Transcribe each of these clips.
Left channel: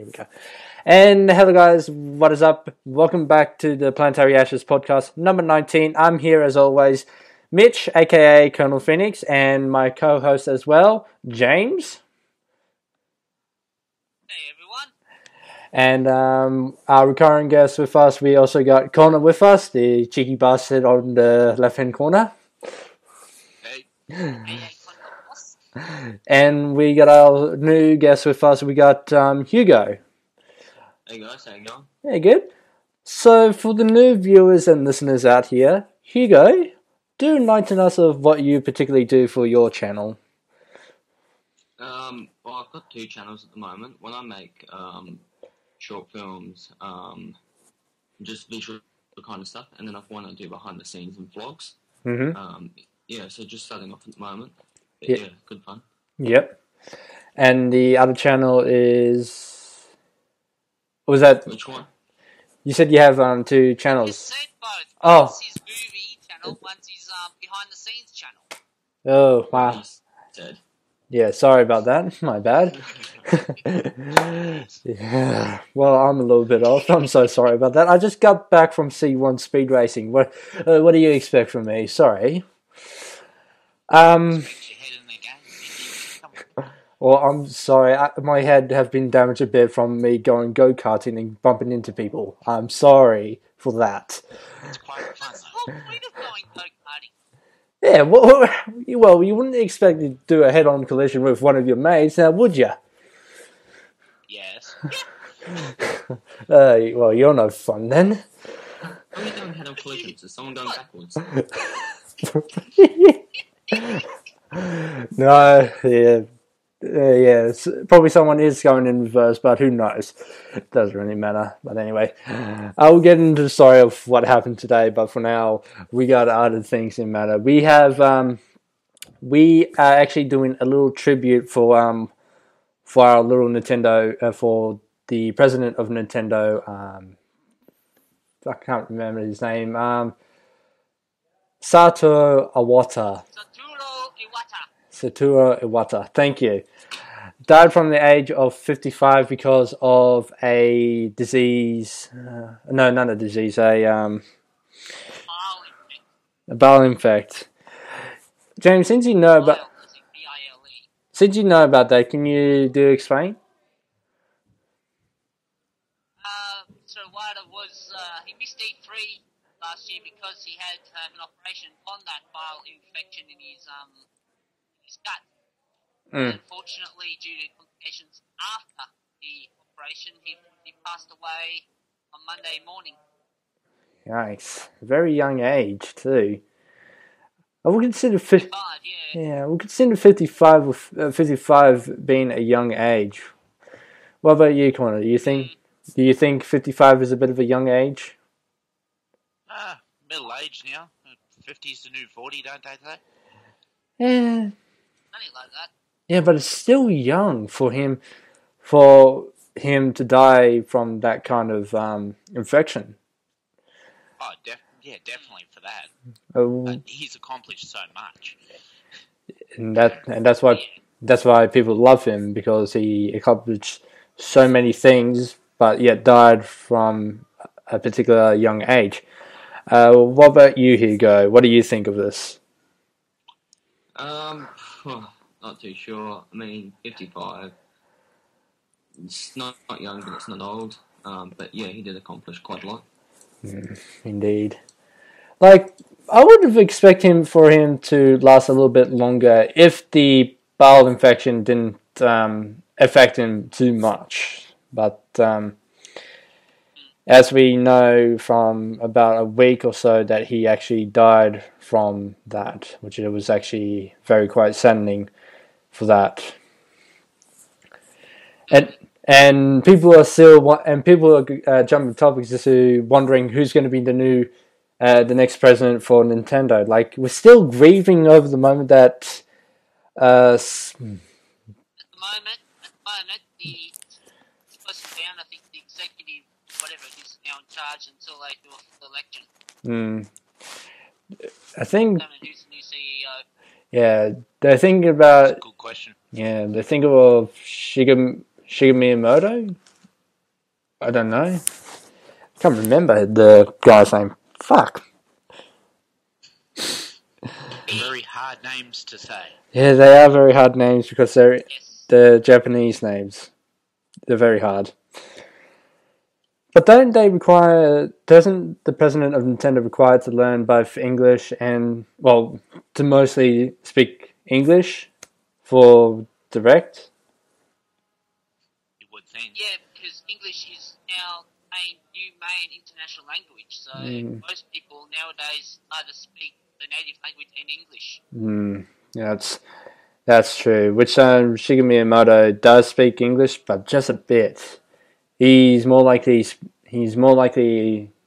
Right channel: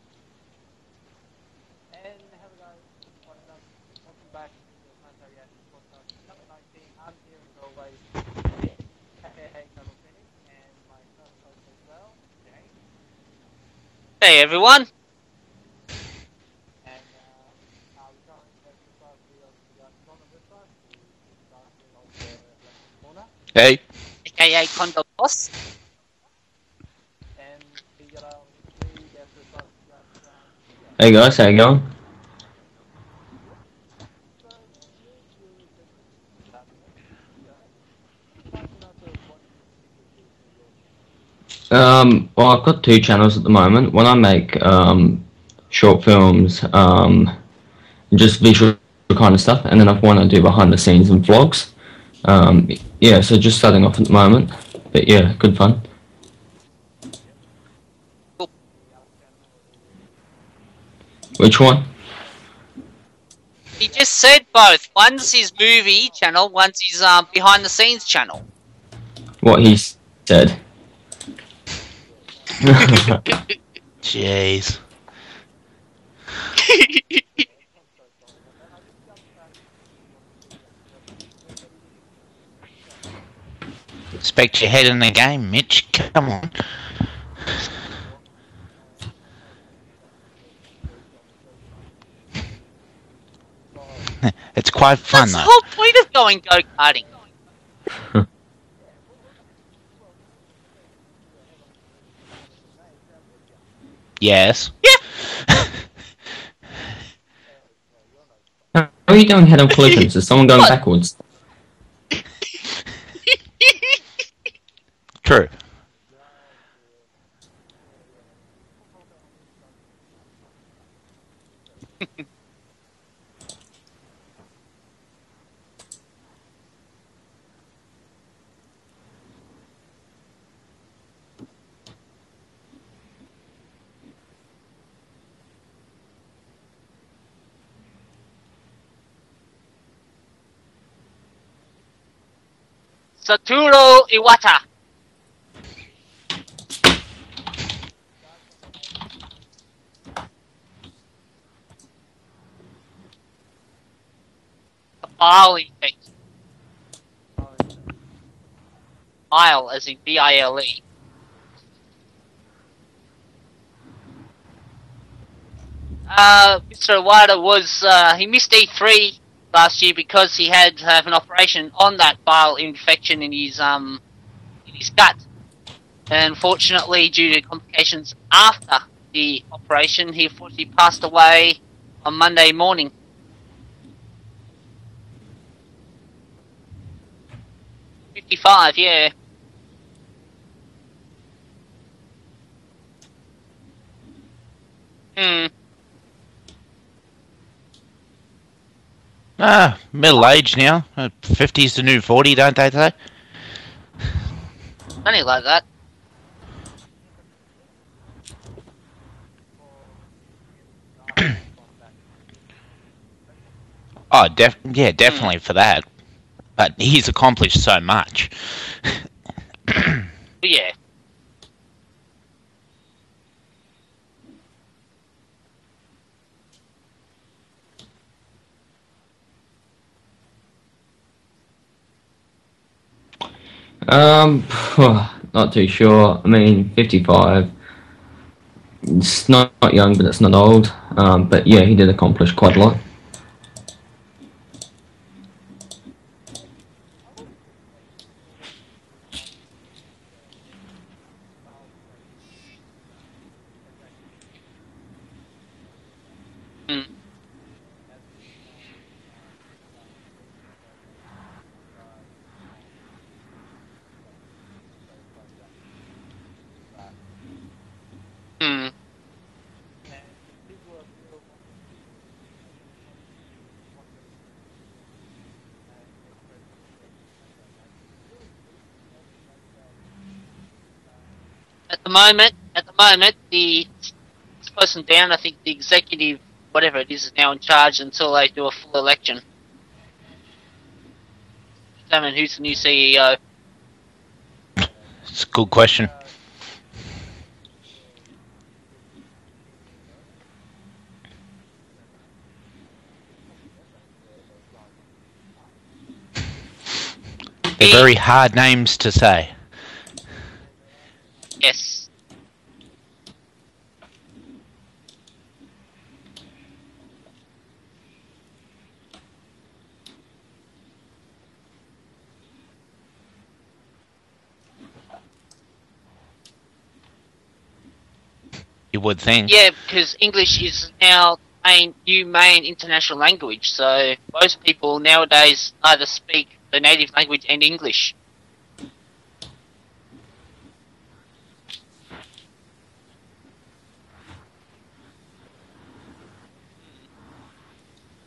Here we go. And hello guys, what is up? Welcome back to the Planetaryashes podcast number 19. I'm here as always, Mitch, a.k.a. Colonel Phoenix, and my co-host as well, James. Hey everyone. And our recurring guest with us, we also got Connor with us, the cheeky bastard on the left-hand corner. Hey. a.k.a. Condo Boss. And we got our new guest with us, we got Hugo. Hey guys, how you going? Hey, good. So for the new viewers and listeners out here, Hugo, do enlighten us of what you particularly do for your channel. Well, I've got two channels at the moment. One I make short films, just visual kind of stuff, and then I've one I do behind the scenes and vlogs. Yeah, so just starting off at the moment, but yeah, good fun. Yep. And the other channel is... Was that... Which one? You said you have two channels. He just said both. One's his movie channel, one's his behind the scenes channel. Oh, what he said. Yeah, sorry about that. My bad. Jeez. Yeah. Well, I'm a little bit old. I'm so sorry about that. I just got back from C1 speed racing. What do you expect from me? Sorry. Expect your head in the game, Mitch. Come on. Well, I'm sorry. My head has been damaged a bit from me going go-karting and bumping into people. I'm sorry for that. It's quite fun, That's though. the whole point of going go-karting. Yeah, well, you wouldn't expect to do a head-on collision with one of your mates, now would you? Yes. Yeah. Well, you're no fun then. How are you doing head-on collisions? Is someone going backwards? No, yeah. Yeah, probably someone is going in reverse, but who knows? It doesn't really matter. But anyway, I'll get into the story of what happened today. But for now, we got other things in matter. We have, we are actually doing a little tribute for our little Nintendo, for the president of Nintendo. I can't remember his name. Satoru Iwata. Satoru Iwata. Satoru Iwata, thank you. Died from the age of 55 because of a disease. No, not a disease. Bile infect. A bile infect. James, since you know Bile, as in B-I-L-E. Since you know about that, can you explain? Mr. Iwata was he missed E3 last year because he had to have an operation on that bile infection in his gut. And unfortunately, due to complications after the operation, he unfortunately passed away on Monday morning. Nice. Very young age, too. I would consider 55, yeah. Yeah, we consider 55 being a young age. What about you, Connor? Do you think 55 is a bit of a young age? Middle age now. 50's the new 40, don't they say? Yeah. Something like that. Yeah, but it's still young for him to die from that kind of infection. Oh, definitely for that. But he's accomplished so much. and that's why people love him, because he accomplished so many things, but yet died from a particular young age. What about you, Hugo? What do you think of this? Not too sure. I mean, 55. It's not young, but it's not old. But yeah, he did accomplish quite a lot. Indeed. Like, I would have expected for him to last a little bit longer if the bowel infection didn't affect him too much. But as we know from about a week or so, that he actually died from that, which it was actually quite saddening for that. And people are jumping topics as to wondering who's going to be the next president for Nintendo. Like, we're still grieving over the moment that At the moment, the person down, I think the executive, whatever it is now in charge until they do a full election. I think... Determine who's the new CEO. Yeah, they're thinking about... That's a good question. Yeah, they're thinking of Shigeru Miyamoto. I don't know. Can't remember the guy's name. Fuck. They're very hard names to say. Yeah, they are very hard names because they're Japanese names. They're very hard. But doesn't the president of Nintendo require to learn both English and, well, to mostly speak English for Direct? You would think. Yeah, because English is now new main international language, so most people nowadays either speak the native language and English. Yeah, that's true. Which Shigeru Miyamoto does speak English, but just a bit. He's more likely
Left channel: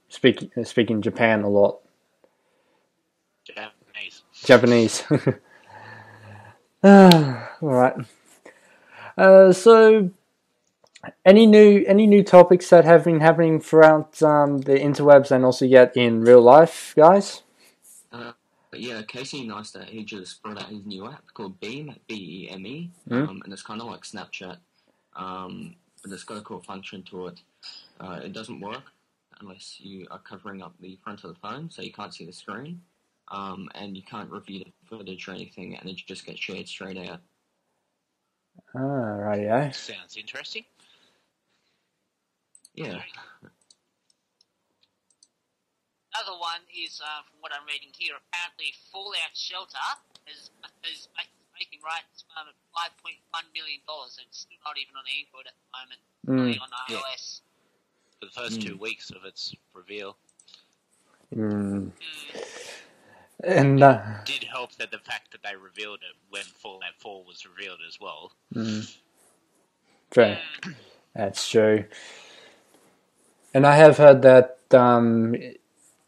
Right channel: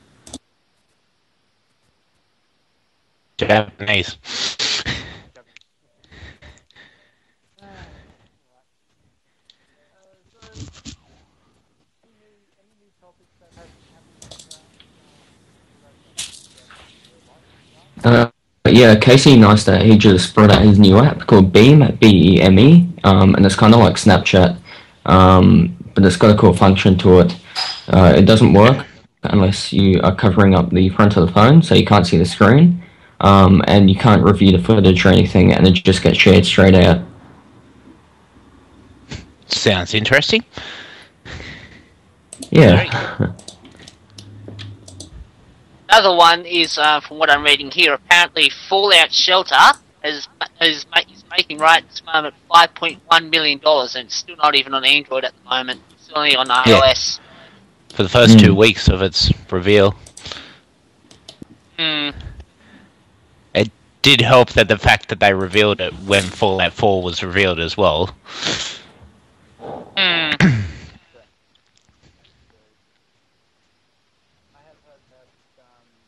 speaking Japan a lot. Japanese. All right. So, any new topics that have been happening throughout the interwebs and also yet in real life, guys? Yeah, Casey Neistat, he just brought out his new app called Beam, B-E-M-E, and it's kind of like Snapchat, but it's got a cool function to it. It doesn't work unless you are covering up the front of the phone, so you can't see the screen, and you can't review the footage or anything, and it just gets shared straight out. Right, yeah. Sounds interesting. Yeah. Another one is, from what I'm reading here, apparently Fallout Shelter is making right at the moment $5.1 million, and it's still not even on Android at the moment. It's only on iOS. For the first 2 weeks of its reveal. And It did help that the fact that they revealed it when Fallout 4 was revealed as well. That's true. And I have heard that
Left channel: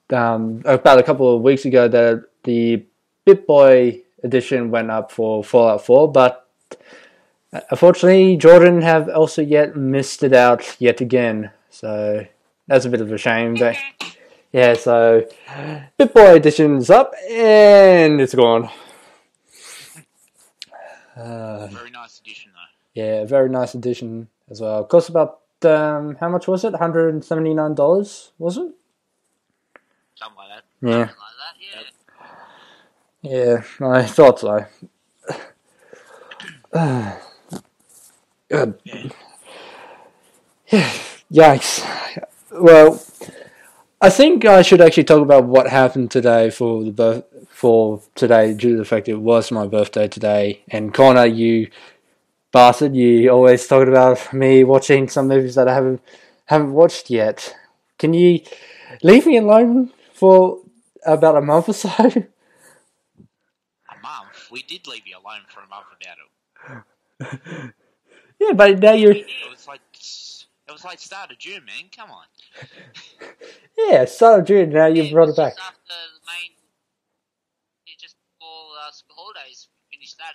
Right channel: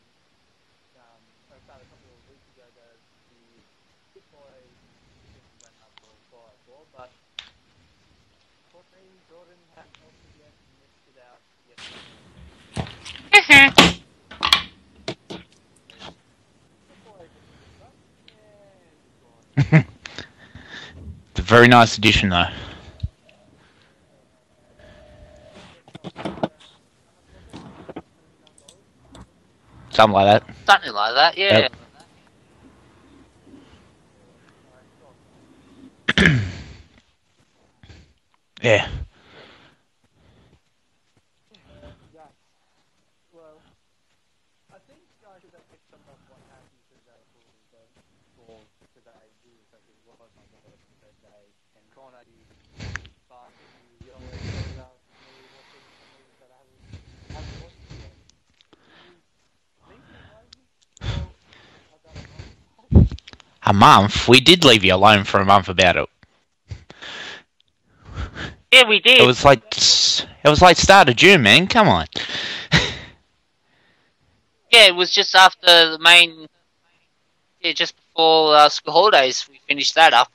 about a couple of weeks ago that the BitBoy edition went up for Fallout 4, but unfortunately Jordan have also yet missed it out yet again. So that's a bit of a shame. But yeah, so BitBoy edition's up and it's gone. Very nice edition though. Yeah, very nice edition as well. Cost about how much was it? $179, was it? Something like that. Something like that, yeah. Yeah, I thought so. Yeah. Yikes. Well, I think I should actually talk about what happened today for today, due to the fact it was my birthday today. And Connor, you bastard, you always talking about me watching some movies that I haven't watched yet. Can you leave me alone for about a month or so? A month? We did leave you alone for a month about it. Yeah, but It was like start of June, man. Come on. Yeah, start of June. Yeah, it was just after the main. Yeah, just before school holidays, we finished that up.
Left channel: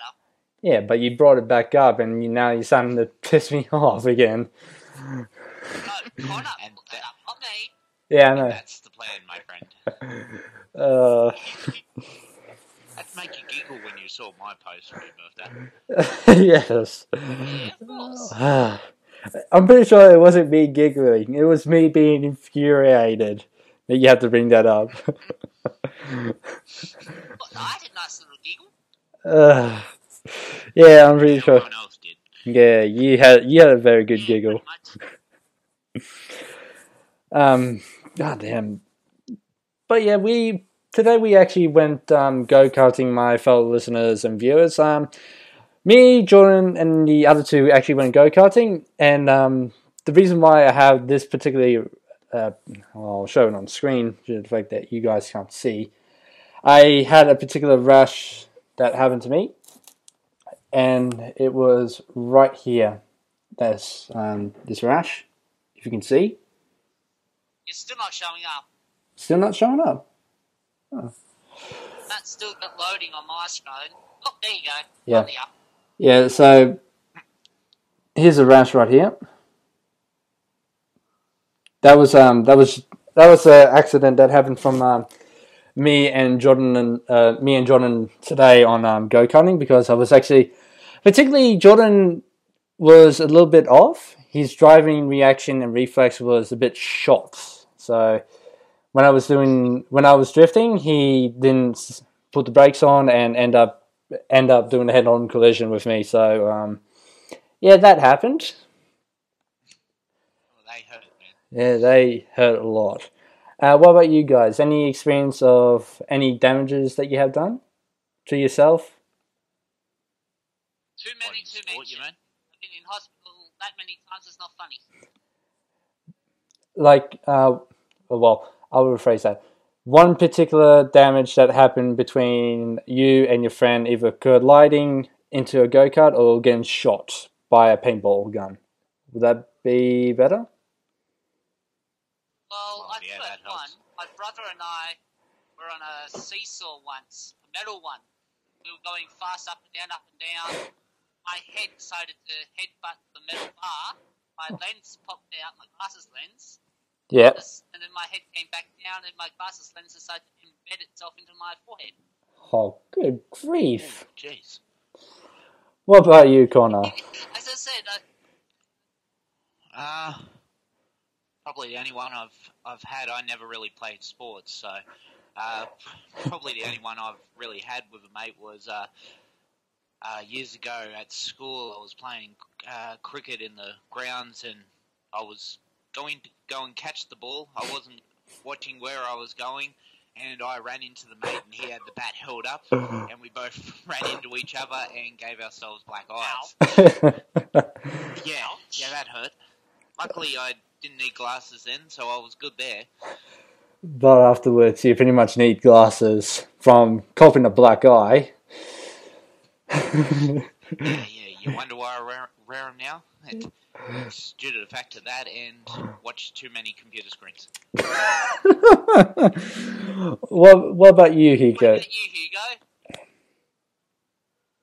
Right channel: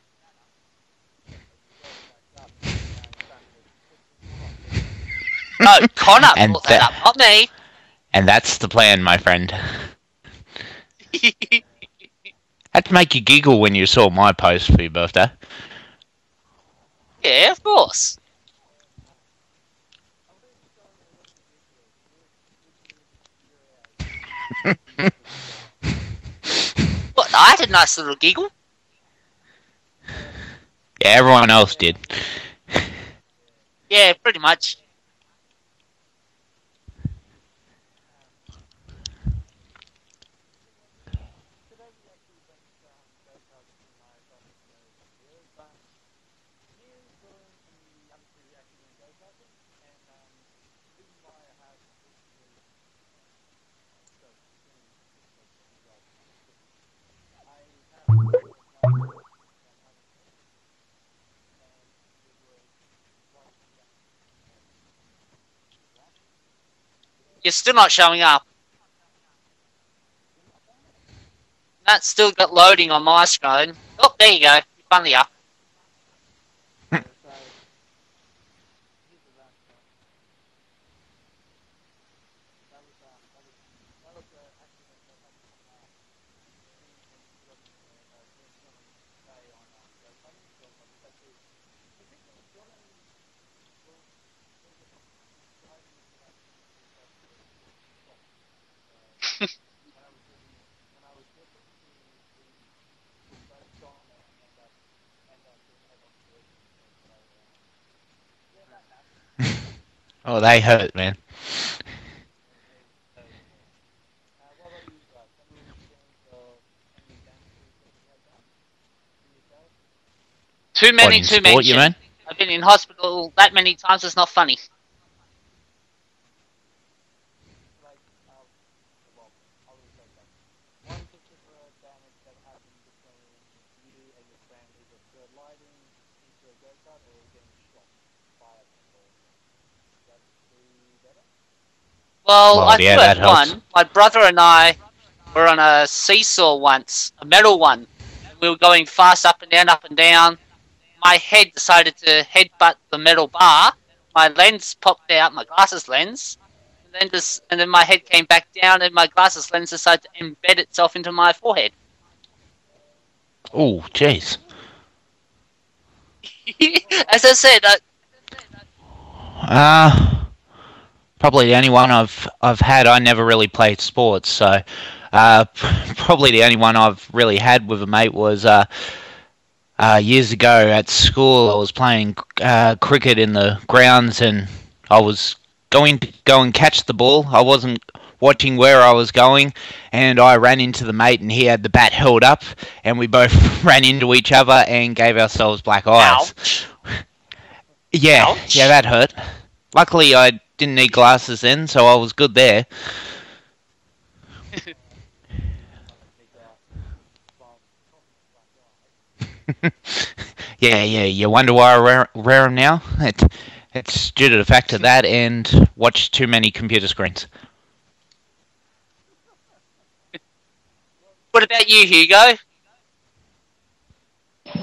Yeah, but you brought it back up, and now you're starting to piss me off again. No, Connor put that up, not me. And that's the plan, my friend. Had to make you giggle when you saw my post for your birthday. Yes. Yeah, of course. I'm pretty sure it wasn't me giggling. It was me being infuriated that you have to bring that up. But I had a nice little giggle. Yeah, everyone else did. Yeah, you had a very good pretty giggle. much. God damn. But yeah, today we actually went go-karting, my fellow listeners and viewers. Me, Jordan, and the other two actually went go-karting, and the reason why I have this particularly, I'll show it on screen due to the fact that you guys can't see. I had a particular rash that happened to me, and it was right here. That's this rash, if you can see. You're still not showing up. Still not showing up. Oh. That's still got loading on my screen. Oh, there you go. Finally up. Yeah, so here's a rash right here. That was an accident that happened from me and Jordan today on go-karting, because I was actually, particularly Jordan was a little bit off. his driving reaction and reflex was a bit shot. So when I was drifting, he didn't put the brakes on and end up doing a head-on collision with me. So yeah, that happened. Oh, they hurt, man. Yeah, they hurt a lot. What about you guys? Any experience of any damages that you have done to yourself? Too many to mention. You mean? I've been in hospital that many times. It's not funny. Like, well, I will rephrase that. One particular damage that happened between you and your friend, either colliding into a go-kart or getting shot by a paintball gun. Would that be better? Well, I yeah, do have that helps. one. My brother and I were on a seesaw once, a metal one. We were going fast up and down. My head decided to headbutt the metal bar. My lens popped out, my glasses lens. And then my head came back down and my glasses lens decided to embed itself into my forehead. Oh, good Oh, grief. jeez. What about you, Connor? As I said, Probably the only one I've had. I never really played sports, so probably the only one I've really had with a mate was years ago at school. I was playing cricket in the grounds, and I was going to go and catch the ball. I wasn't watching where I was going, and I ran into the mate, and he had the bat held up, and we both ran into each other and gave ourselves black eyes. ouch. Yeah, that hurt. Luckily, I didn't need glasses then, so I was good there. But afterwards, you pretty much need glasses from copping a black eye. Yeah, you wonder why I wear them now? It's due to the fact of that and watch too many computer screens. What about you, What Hugo? about you, Hugo?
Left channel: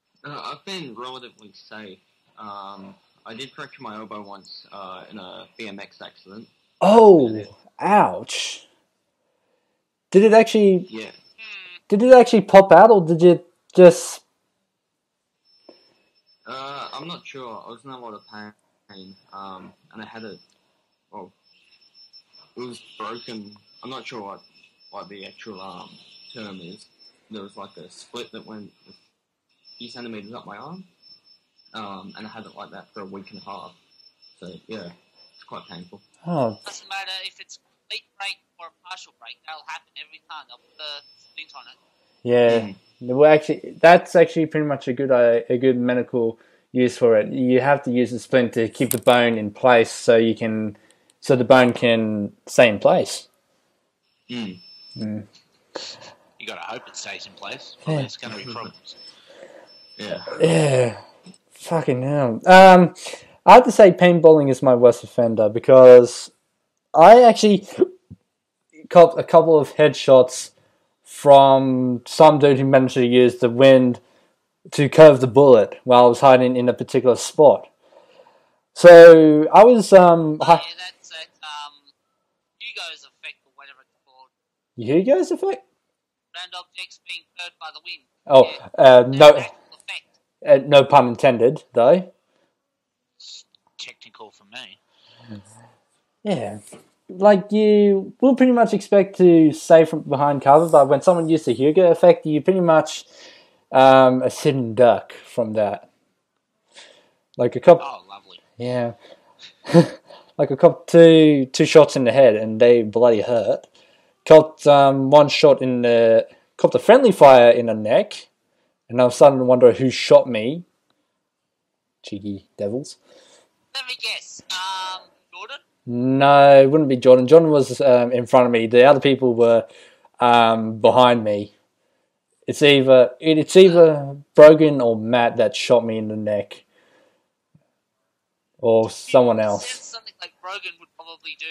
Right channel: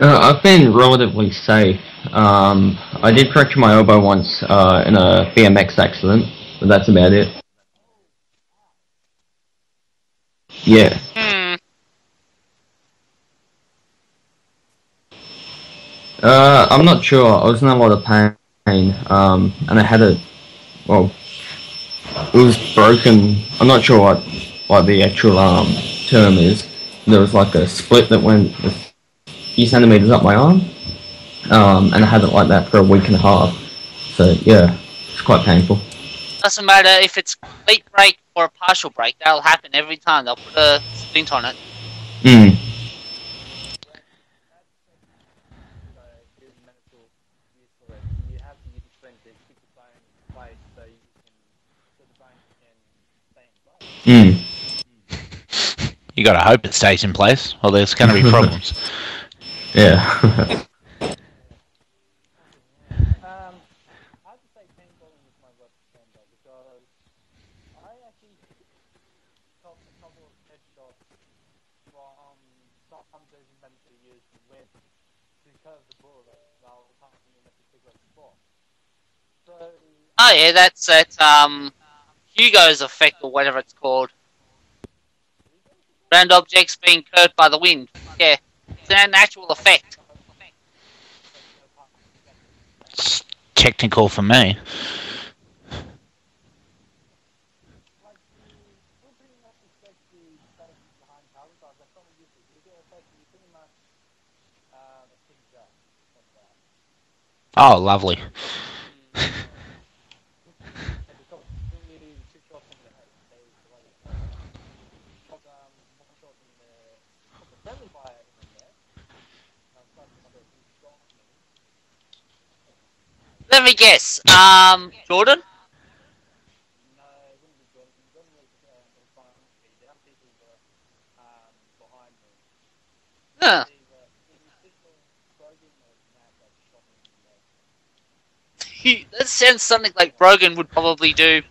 I've been relatively safe. I did fracture my elbow once in a BMX accident, but that's about it. Ouch. Did it actually... Yeah. Did it actually pop out, or did you just... I'm not sure. I was in a lot of pain, and I had it... Well, it was broken. I'm not sure what the actual term is. There was like a split that went a few centimeters up my arm, and I had it like that for a week and a half. So yeah, it's quite painful. Doesn't matter if it's a complete break or a partial break. That'll happen every time. They'll put a splint on it. Yeah. Well, that's actually pretty much a good medical use for it. You have to use the splint to keep the bone in place, so the bone can stay in place. You gotta hope it stays in place, or there's gonna be problems. Yeah. Yeah. Fucking hell. I have to say paintballing is my worst offender, because I actually copped a couple of headshots from some dude who managed to use the wind to curve the bullet while I was hiding in a particular spot. So I was... that's Hugo's effect, or whatever it's called. Hugo's effect? Round objects being curved by the wind. Yeah, Oh, an actual effect. No pun intended, though. It's technical for me. Yeah. Like, you will pretty much expect to save from behind cover, but when someone used the Hugo effect, you pretty much a sitting duck from that. Like Lovely. Yeah. Like I copped two shots in the head, and they bloody hurt. Copped one shot copped a friendly fire in the neck, and I was starting to wonder who shot me. Cheeky devils. Let me guess. Jordan? No, it wouldn't be Jordan. Jordan was in front of me. The other people were behind me. It's either Brogan or Matt that shot me in the neck. Or someone else. Something like Brogan would probably do.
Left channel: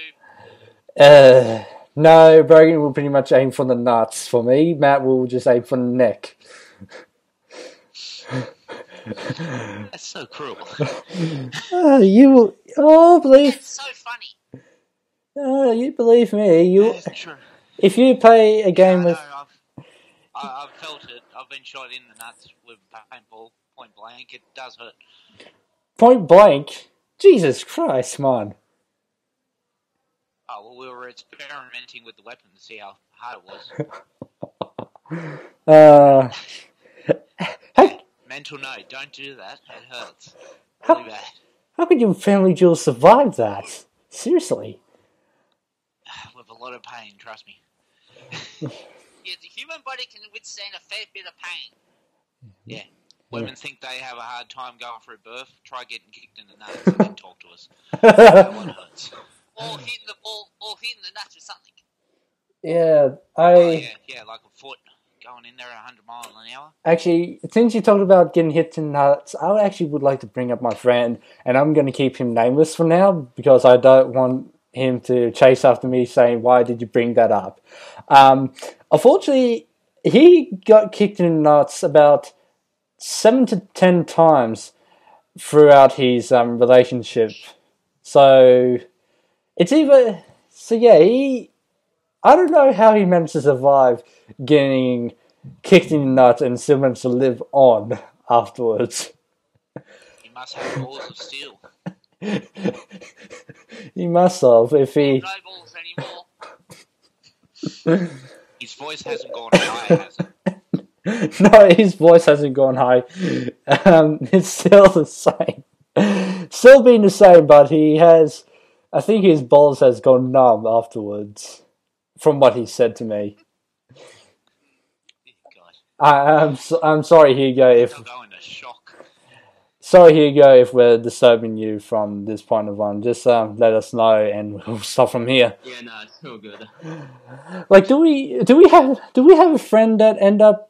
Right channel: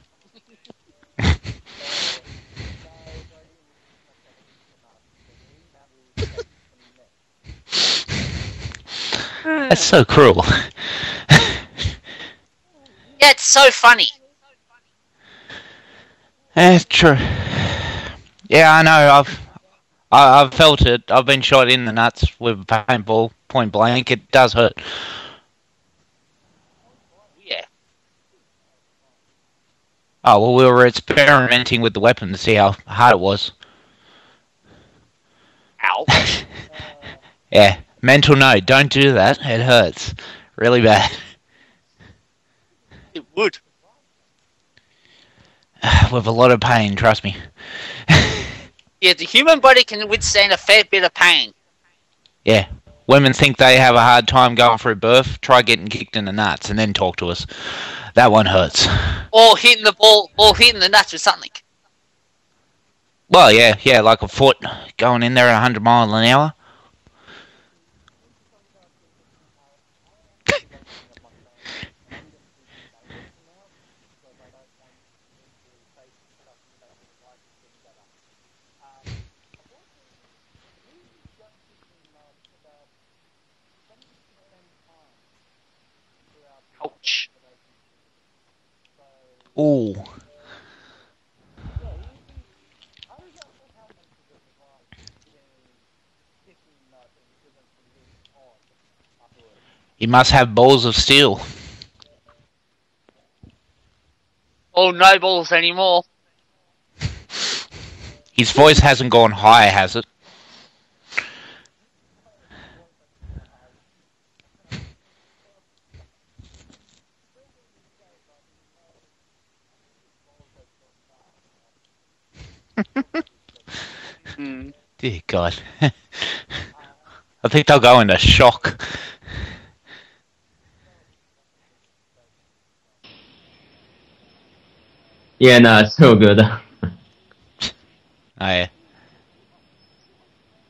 No, Brogan will pretty much aim for the nuts for me. Matt will just aim for the neck. That's so cruel. It's so funny. You believe me. That's true. If you play... Yeah, I know. I've felt it. I've been shot in the nuts with a paintball, point blank. It does hurt. Point blank? Jesus Christ, man. Oh, well, we were experimenting with the weapon to see how hard it was. Yeah, mental note, don't do that. It hurts. Really bad. How could your family jewel survive that? Seriously. With a lot of pain, trust me. Yeah, the human body can withstand a fair bit of pain. Yeah. Women think they have a hard time going through birth. Try getting kicked in the nuts and then talk to us. That one hurts. Or hitting the ball, or hitting the nuts with something. Yeah. Well, yeah, like a foot going in there at 100 miles an hour. Actually, since you talked about getting hit in the nuts, I actually would like to bring up my friend, and I'm going to keep him nameless for now because I don't want him to chase after me saying, "Why did you bring that up?" Unfortunately, he got kicked in the nuts about 7 to 10 times throughout his relationship. So it's either I don't know how he managed to survive getting kicked in the nuts and still managed to live on afterwards. You must have balls of steel. He must have. Or no balls anymore. His voice hasn't gone high, has it? No, his voice hasn't gone high. It's still the same. Still being the same, but I think his balls has gone numb afterwards, from what he said to me. Dear God. I'm sorry, Hugo. I think they'll go into shock. Sorry, Hugo, if we're disturbing you from this point of on. Just let us know, and we'll stop from here. Yeah, no, it's all good. Like, do we have a friend that end up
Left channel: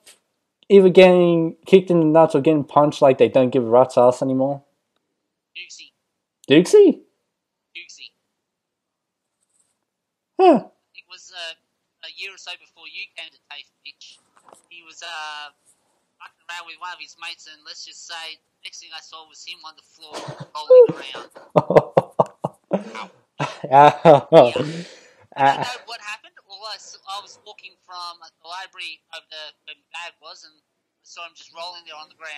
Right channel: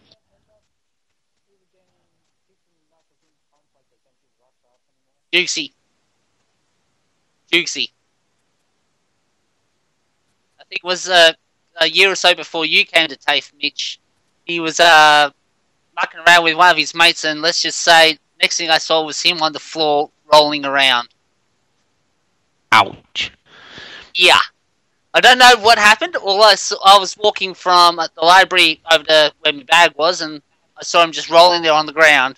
either getting kicked in the nuts or getting punched like they don't give a rat's ass anymore? Dixie. Dixie? Dixie. Huh. I think it was a year or so before you came to TAFE, Mitch. He was mucking around with one of his mates, and let's just say, next thing I saw was him on the floor rolling around. Ouch. Yeah. I don't know what happened. All I was walking from the library over to where my bag was, and I saw him just rolling there on the ground.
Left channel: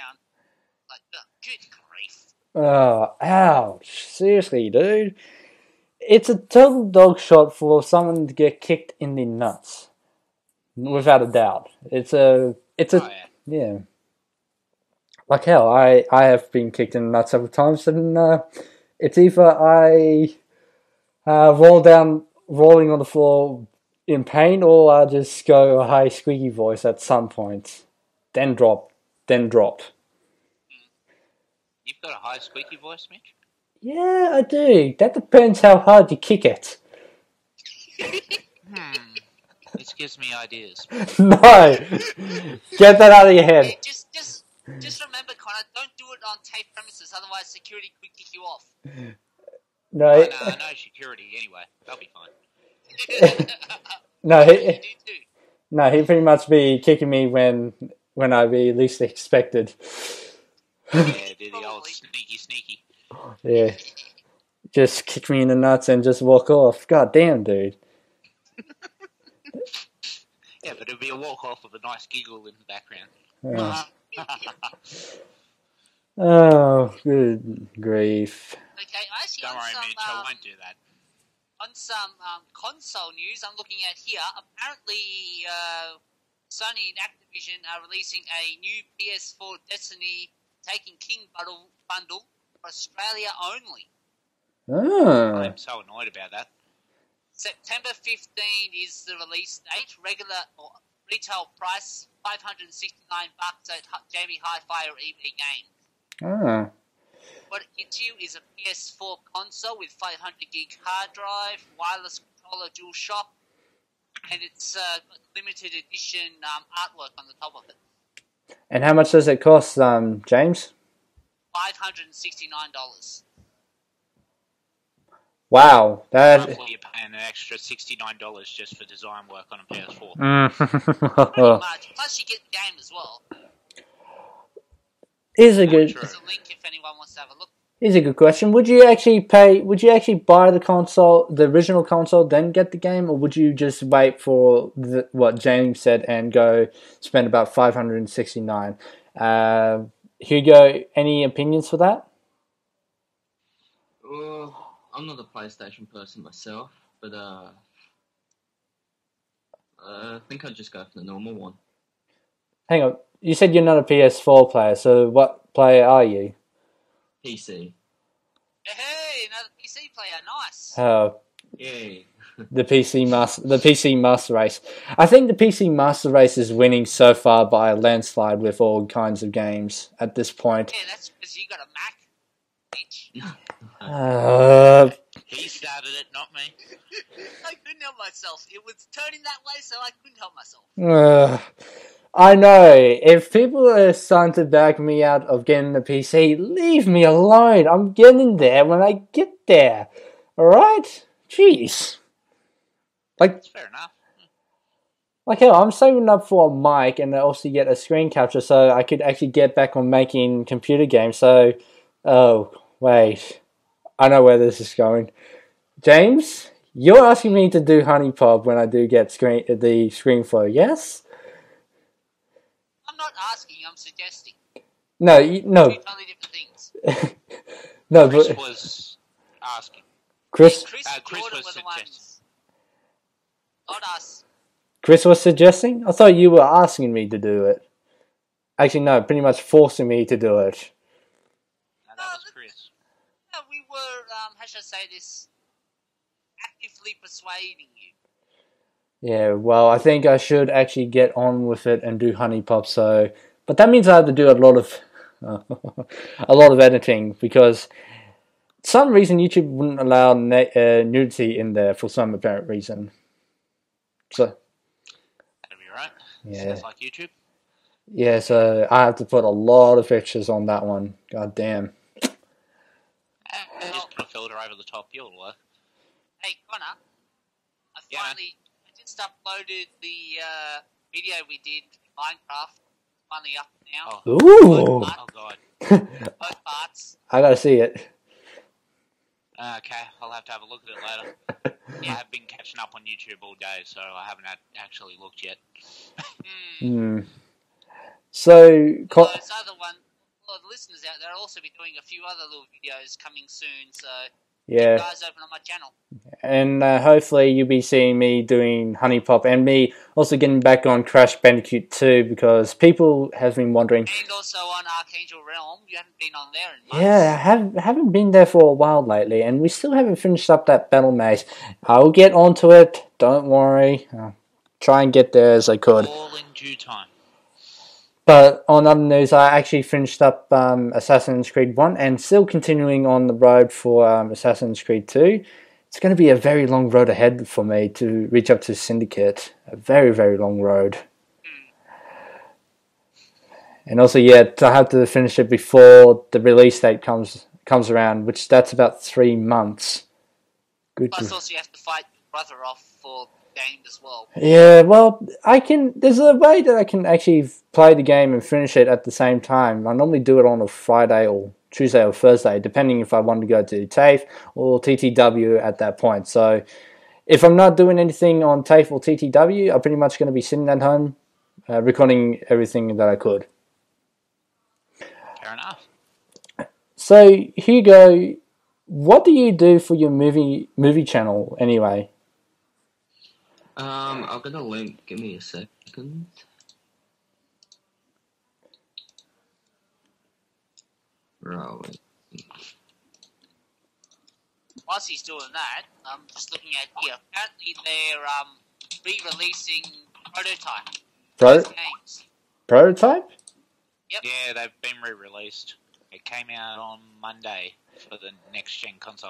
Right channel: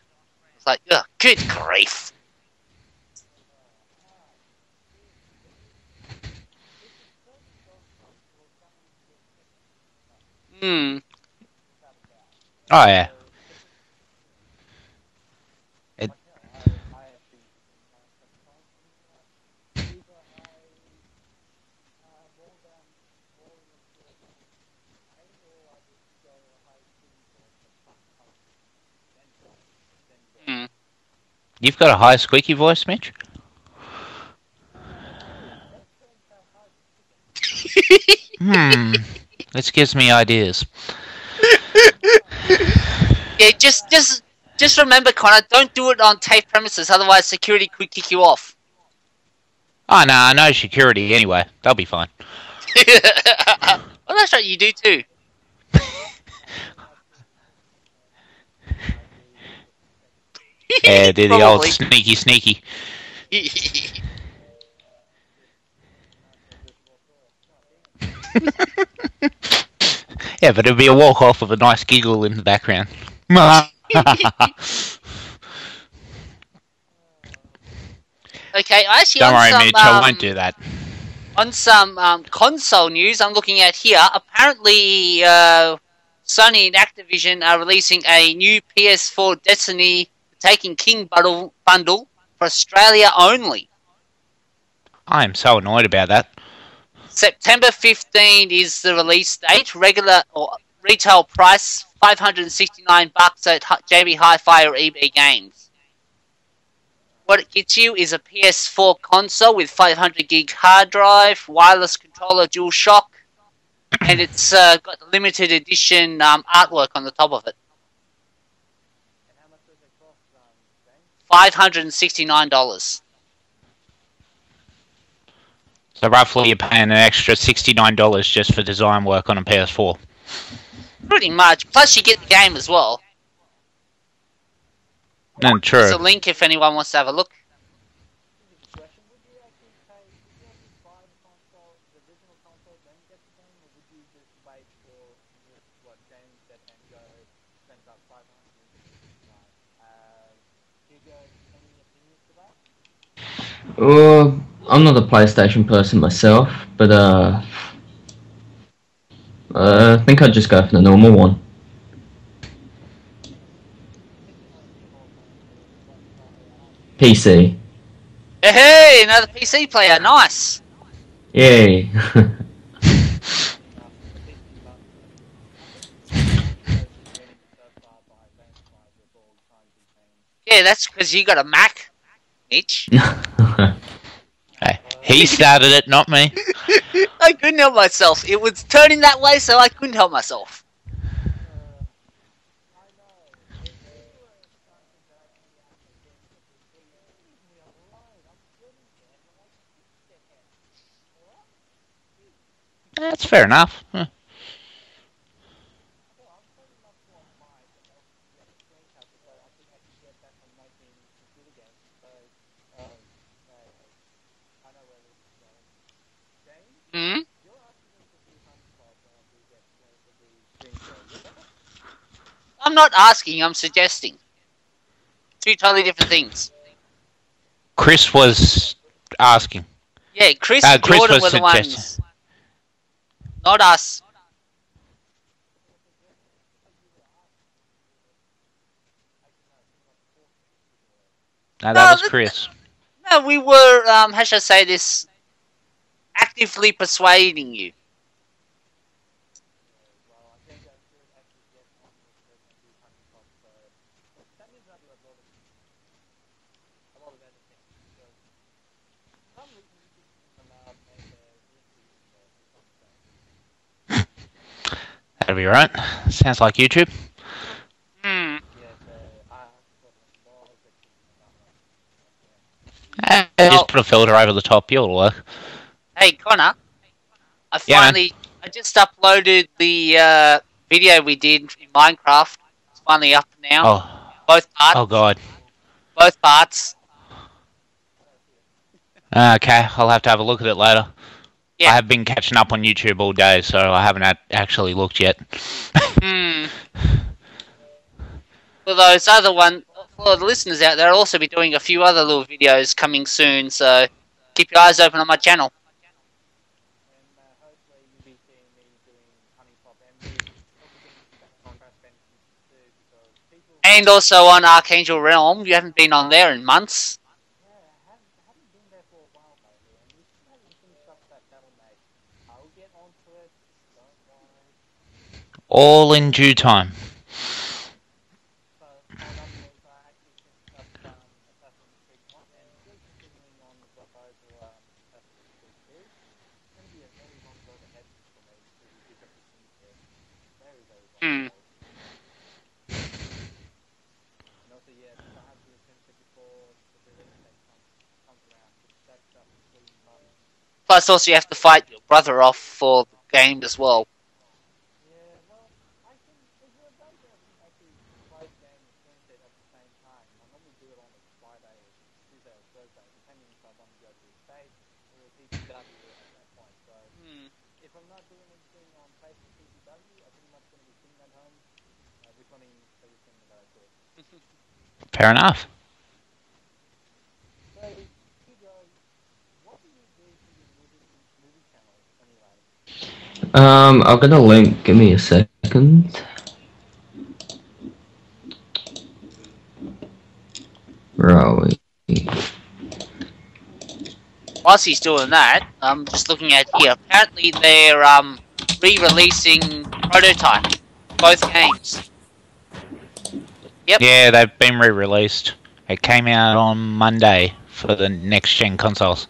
It's like, ugh, good grief. Oh, ouch. Seriously, dude. It's a total dog shot for someone to get kicked in the nuts. Without a doubt. Yeah. Like hell, I have been kicked in the nuts several times, and it's either I rolling on the floor in pain, or I just go a high squeaky voice at some point. Then drop. You've got a high squeaky voice, Mitch? Yeah, I do. That depends how hard you kick it. This gives me ideas. No. Get that out of your head. Just remember, Connor, don't do it on TAFE premises, otherwise security could kick you off. Oh, no, I know security anyway. They'll be fine. Well, that's what you do too. No, he'd pretty much be kicking me when I'd be least expected. Yeah, do the old sneaky. Yeah. Just kick me in the nuts and just walk off. God damn, dude. Yeah, but it'd be a walk off with a nice giggle in the background. Oh, good grief. Okay, actually, Don't worry, Mitch, I won't do that. On some console news I'm looking at here, apparently Sony and Activision are releasing a new PS4 Destiny Taking King bundle for Australia only. Oh. I'm so annoyed about that. September 15 is the release date. Regular retail price $569 at JB Hi-Fi or eBay Games. Oh. What it gets you is a PS4 console with 500 gig hard drive, wireless controller, dual shock, and it's limited edition artwork on the top of it. And how much does it cost, James? $569. Wow. So roughly you're paying an extra $69 just for design work on a PS4. Pretty much. Plus you get the game as well. There's a link if anyone wants to have a look. Here's a good question. Would you actually buy the console, the original console, then get the game, or would you just wait for what James said and go spend about $569? Hugo, any opinions for that? I'm not a PlayStation person myself, but I think I'd just go for the normal one. Hang on. You said you're not a PS4 player, so what player are you? PC. Hey, another PC player. Nice. Yay. The PC Master Race. I think the PC Master Race is winning so far by a landslide with all kinds of games at this point. Yeah, that's because you got a Mac, Mitch. He started it, not me. I couldn't help myself. It was turning that way, so I couldn't help myself. I know. If people are starting to back me out of getting a PC, leave me alone. I'm getting there when I get there. Alright? Jeez. That's fair enough. Like, hell, I'm saving up for a mic and I also get a screen capture so I could actually get back on making computer games. So, oh, wait. I know where this is going. James, you're asking me to do Honeypop when I do get the screen flow, yes? I'm not asking, I'm suggesting. No, Two totally different things. Chris was asking. Yeah, Chris and Chris Jordan was were the ones. Not us. Chris was suggesting? I thought you were asking me to do it. Actually, no, pretty much forcing me to do it. No, that was Chris. No, we were, how should I say this, actively persuading you. Yeah, well, I think I should actually get on with it and do Honeypop. So, but that means I have to do a lot of editing because some reason YouTube wouldn't allow nudity in there for some apparent reason. So that'll be right. Sounds like YouTube. Yeah, so I have to put a lot of pictures on that one. God damn. Just put a filter over the top. You'll work. Hey, Connor. I just uploaded the video we did in Minecraft. It's finally up now. Oh, oh God. Both parts. I gotta see it. Okay, I'll have to have a look at it later. Yeah. I have been catching up on YouTube all day, so I haven't actually looked yet. So, for those other ones, for the listeners out there, I'll also be doing a few other little videos coming soon, so keep your eyes open on my channel. And hopefully you'll be seeing me doing Honeypop and me also getting back on Crash Bandicoot 2 because people have been wanting... And also on Archangel Realm. You haven't been on there in months. Yeah, I haven't been there for a while lately and we still haven't finished up that battle maze. I'll get onto it, don't worry. I'll try and get there as I could. All in due time. But on other news, I actually finished up Assassin's Creed 1 and still continuing on the road for Assassin's Creed 2. It's going to be a very long road ahead for me to reach up to Syndicate. A very, very long road. And also, I have to finish it before the release date comes around, which that's about 3 months. Plus, also you have to fight your brother off for games as well. Yeah, well, there's a way that I can actually play the game and finish it at the same time. I normally do it on a Friday or Tuesday or Thursday, depending if I want to go to TAFE or TTW at that point. So if I'm not doing anything on TAFE or TTW, I'm pretty much going to be sitting at home recording everything that I could. Fair enough. So, Hugo, what do you do for your movie channel anyway? I've got a link. Give me a second. Where are we? Whilst he's doing that, I'm just looking at here. Apparently they're re-releasing Prototype. Both games. Prototype? Yep. Yeah, they've been re-released. It came out on Monday for the next-gen consoles.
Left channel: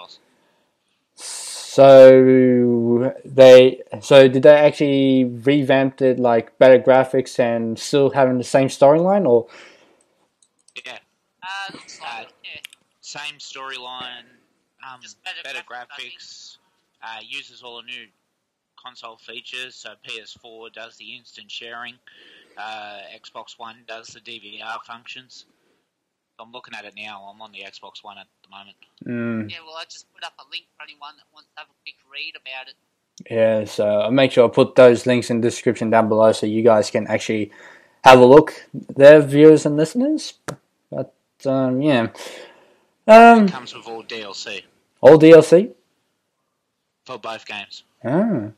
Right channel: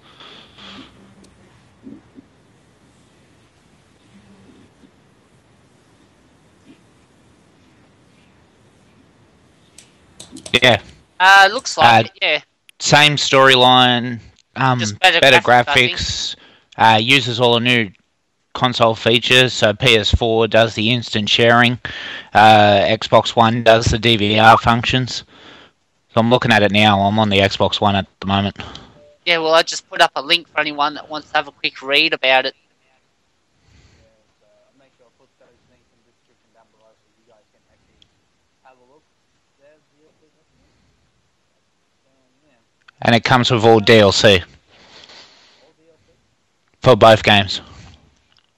So did they actually revamp it, like better graphics and still having the same storyline, or? Yeah. Looks like it, yeah. Same storyline, Just better graphics, uses all the new console features, so PS4 does the instant sharing, Xbox One does the DVR functions. So I'm looking at it now, I'm on the Xbox One at the moment. Yeah, well, I just put up a link for anyone that wants to have a quick read about it. Yeah, so I'll make sure I put those links in the description down below so you guys can actually have a look there, viewers and listeners. But, yeah. And it comes with all DLC All DLC? for both games. Ah.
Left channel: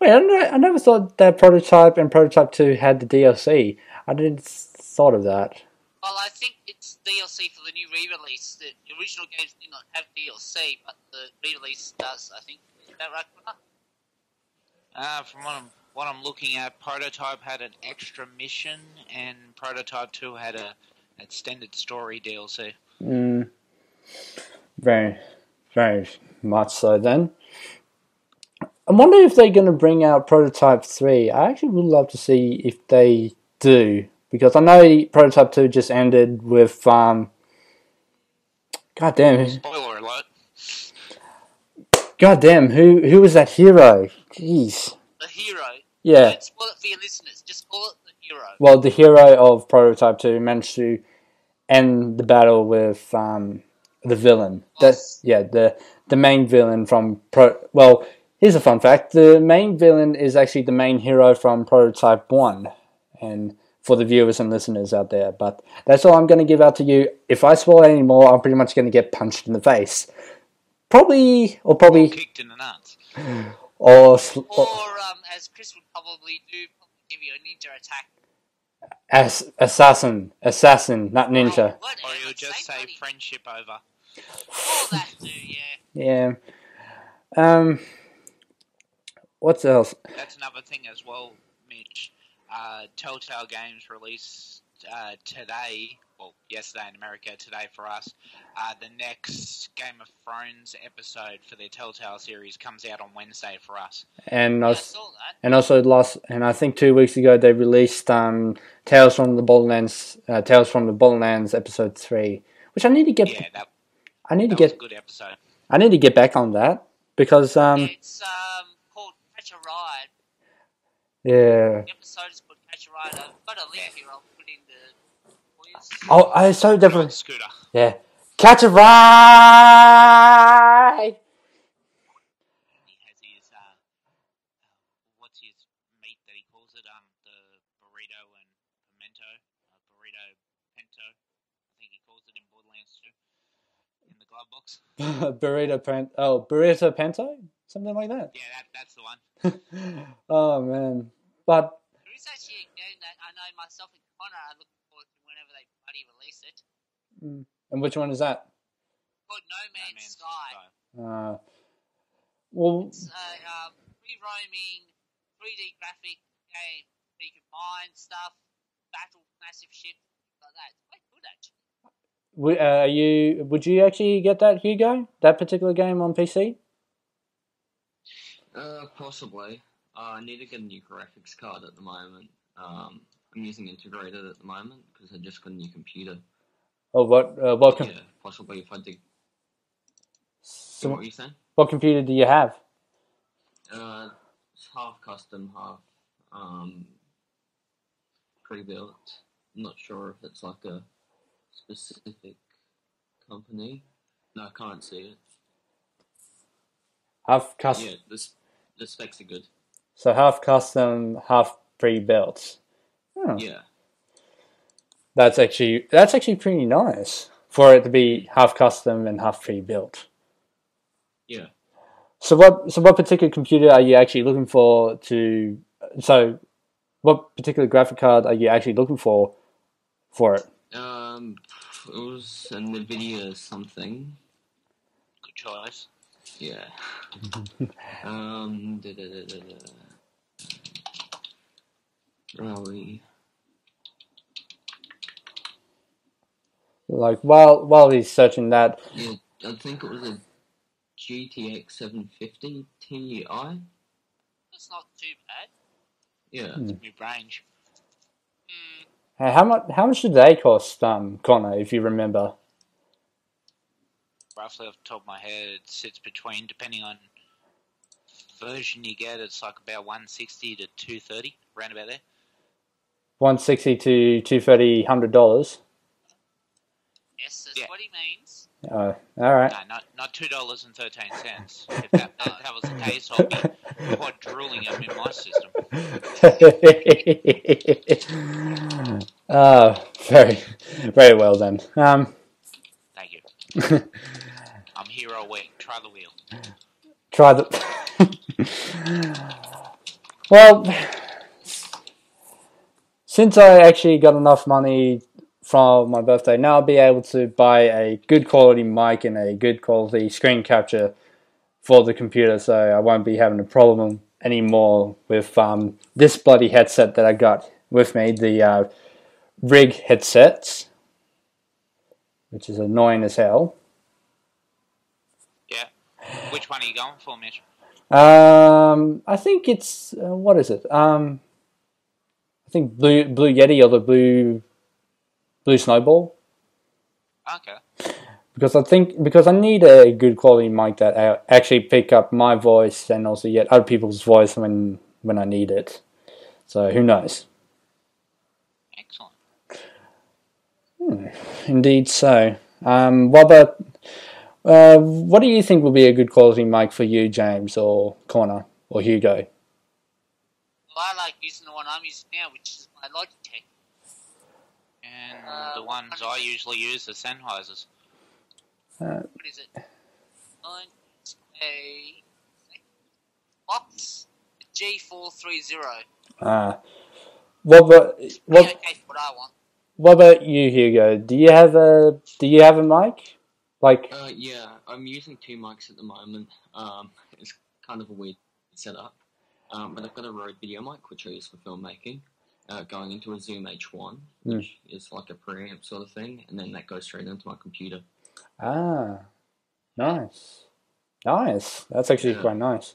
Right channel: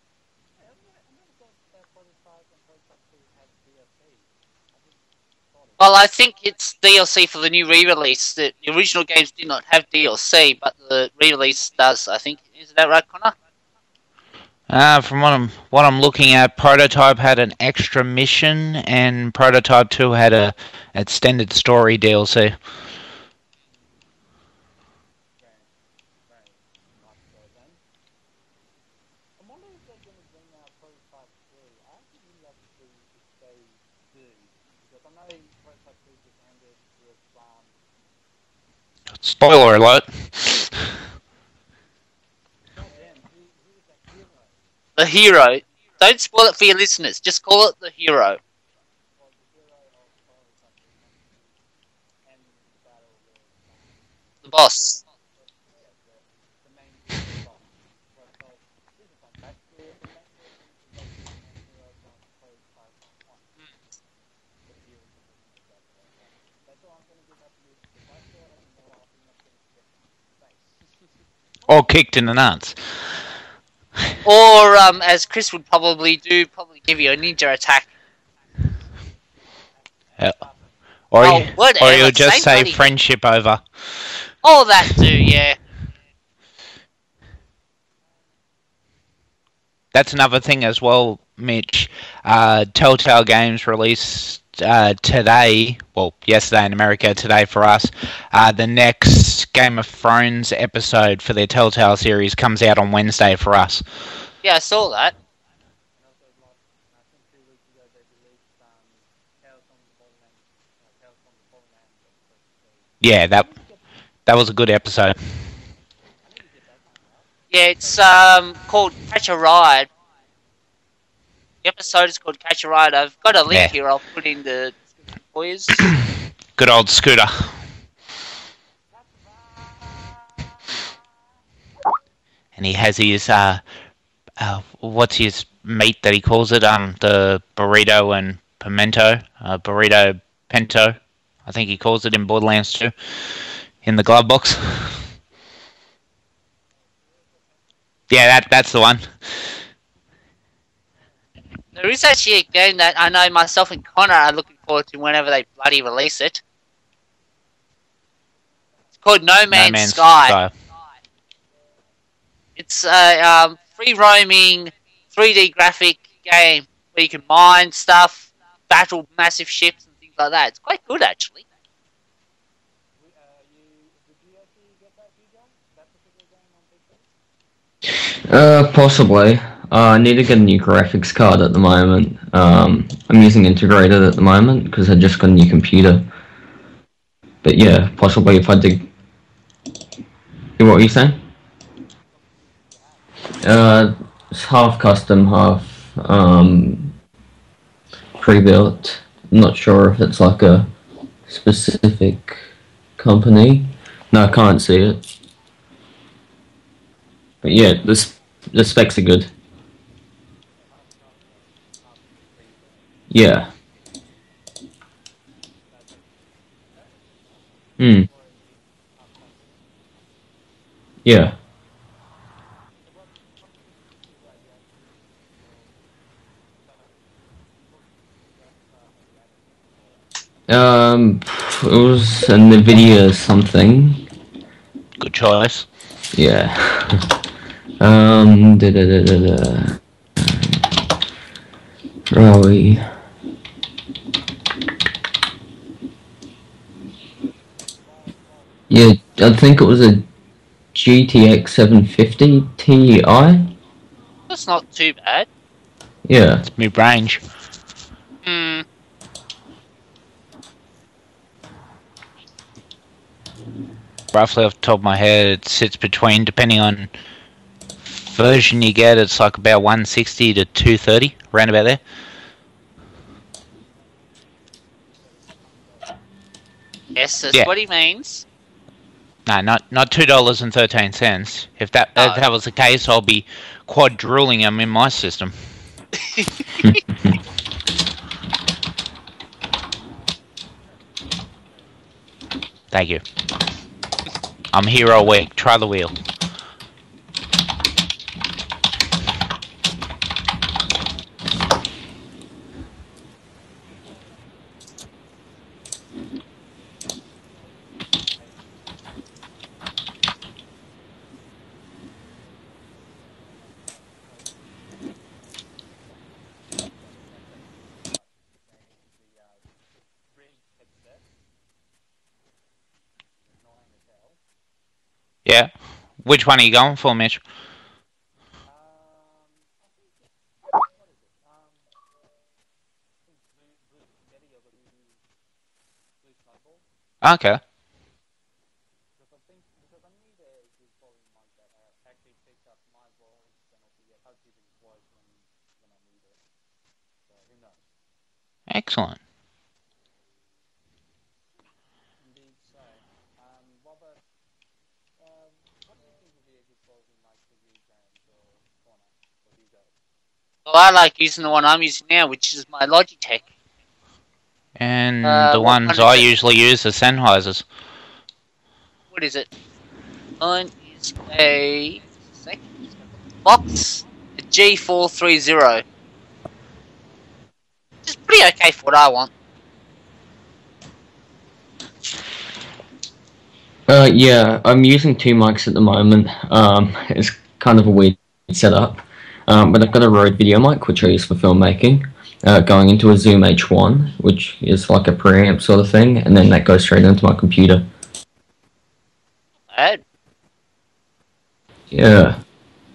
Wait, I never thought that Prototype and Prototype 2 had the DLC. I didn't thought of that. Well, I think it's DLC for the new re-release. The original games did not have DLC, but the re-release does, I think. Is that right, Connor? From what I'm looking at, Prototype had an extra mission, and Prototype 2 had a extended story DLC. Very, very much so then. I wonder if they're going to bring out Prototype 3. I actually would love to see if they do. Because I know Prototype 2 just ended with... God damn. Spoiler alert. God damn, who was that hero? Jeez. The hero. Don't spoil it for your listeners. Just call it the hero. Well, the hero of Prototype 2 managed to end the battle with the villain. Boss. The main villain from... Well, here's a fun fact. The main villain is actually the main hero from Prototype 1. And for the viewers and listeners out there. But that's all I'm going to give out to you. If I spoil any more, I'm pretty much going to get punched in the face. Probably... Or kicked in the nuts. Or as Chris would probably do, give you a ninja attack. Assassin. Or you'll just say friendship over. All that too, yeah. Yeah. What else? That's another thing as well, Mitch. Telltale Games released today, well, yesterday in America, today for us. The next Game of Thrones episode for their Telltale series comes out on Wednesday for us. And I saw that. And also I think 2 weeks ago they released Tales from the Borderlands episode 3, which I need to get. that was a good episode. I need to get back on that. Because it's called Catch a Ride. Yeah. The episode is called Catch a Ride. I've got a link here. I'll put in the quiz. Good old Scooter. Yeah. Catch a ride. And he has his what's his meat that he calls it? The burrito and pimento, burrito pinto. I think he calls it in Borderlands 2. In the glove box. Burrito Pinto? Something like that? Yeah, that's the one. Oh, man. But there is actually a game that I know myself and Connor are looking forward to whenever they bloody release it. And which one is that? It's called No Man's Sky. It's a free-roaming, 3D graphic game where you can mine stuff, battle massive ships and things like that. It's quite good, actually. Would you actually get that, Hugo? That particular game on PC? Possibly. I need to get a new graphics card at the moment. I'm using integrated at the moment because I just got a new computer. Oh, what? But yeah, possibly if I did. What were you saying? What computer do you have? It's half custom, half pre-built. I'm not sure if it's like a specific company. No, I can't see it. But yeah, the specs are good. So half custom, half pre-built. Yeah. That's actually pretty nice for it to be half custom and half pre-built. Yeah. So what particular computer are you actually looking for to? So, what particular graphic card are you actually looking for it? It was a NVIDIA something. Good choice. Yeah. Where are we? Like while he's searching that. Yeah, I think it was a GTX 750 Ti. That's not too bad. Yeah. It's mid-range. How much did they cost, Connor, if you remember? Roughly off the top of my head, it sits between, depending on version you get, it's like about 160 to 230, around about there. 160 to $230, $100. Yes, that's what he means. No, not $2.13. If that was the case, I'll be quadruling them in my system. Very, very well then. Thank you. I'm here all week. Try the wheel. Try the... Well, since I actually got enough money from my birthday, now I'll be able to buy a good quality mic and a good quality screen capture for the computer, so I won't be having a problem anymore with this bloody headset that I got with me, the Rig headsets, which is annoying as hell. Yeah. Which one are you going for, Mitch? I think it's what is it? I think Blue Yeti or the Blue Snowball. Okay. Because I need a good quality mic that actually pick up my voice and also get other people's voice when I need it. So who knows? Excellent. Indeed so. What do you think will be a good quality mic for you, James, or Connor, or Hugo? Well, I like using the one I'm using now, which is my Logitech. And the ones I usually use are Sennheisers. What is it? Mine is a Box G430. It's pretty okay for what I want. What about you, Hugo? Do you have a mic? Yeah, I'm using two mics at the moment. It's kind of a weird setup. But I've got a Rode video mic, which I use for filmmaking, going into a Zoom H1, which is like a preamp sort of thing, and then that goes straight into my computer. Ah, nice. That's actually quite nice.